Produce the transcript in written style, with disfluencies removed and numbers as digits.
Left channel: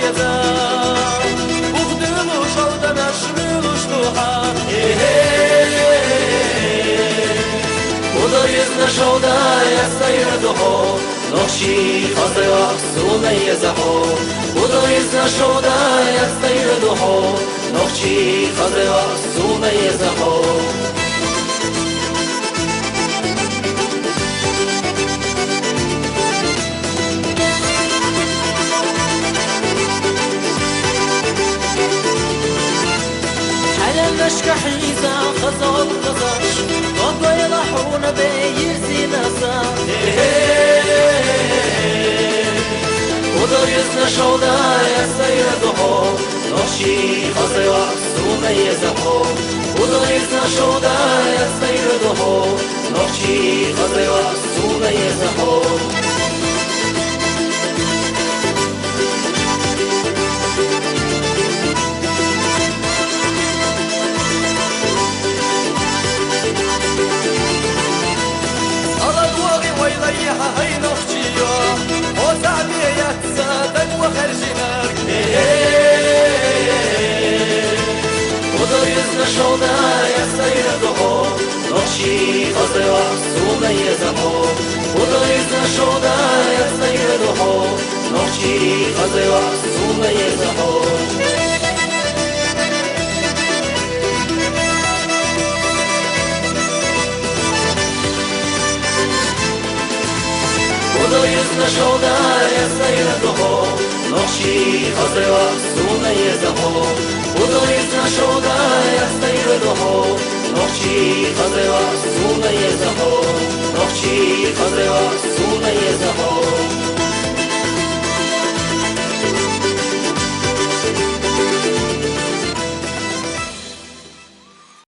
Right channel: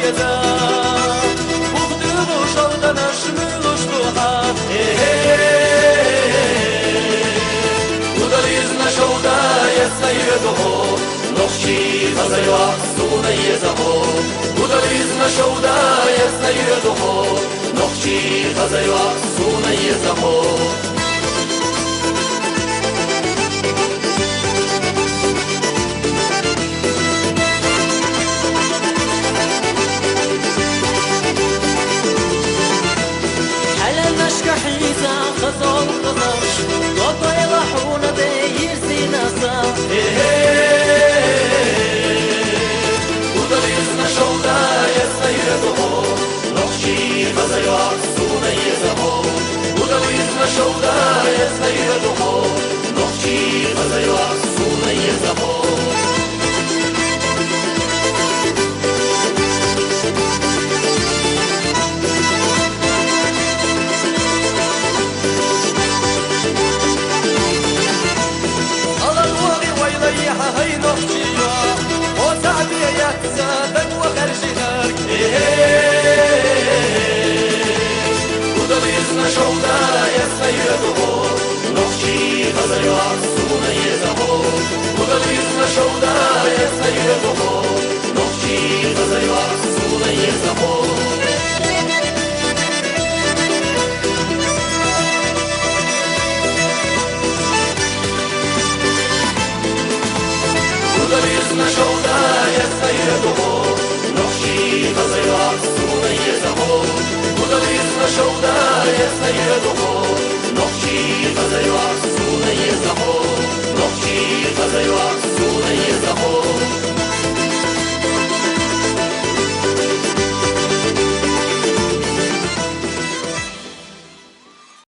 ریزه بخدلو شودنش ملوش توها ودلیز نشوده یستیر دوها نقشی فضل وقت یزهو ودلیز نشوده یستیر دوها نقشی فضل وقت یزهو على نشك حيزة خزال قزش ضد يلحون بيرزي نسا ودليزنا شودا يسيرته نخشي فزل وحسوم يزهو ودليزنا شودا يسيرته نخشي فزل وحسوم يزهو الأدواغي ويليها هاي نخشيا وتعبي يتصدق وخرجي نارك ودليزنا شودا يسيرته نخشي فزل وحسوم يزهو ودليزنا شودا يسيرته نخشي فزل وحسوم يزهو ودلیزنا شودا یسیرته نخشی فزل وحسوم یزهو ودلیزنا شودا یسیرته نخشی فزل وحسوم یزهو نخشی فزل وحسوم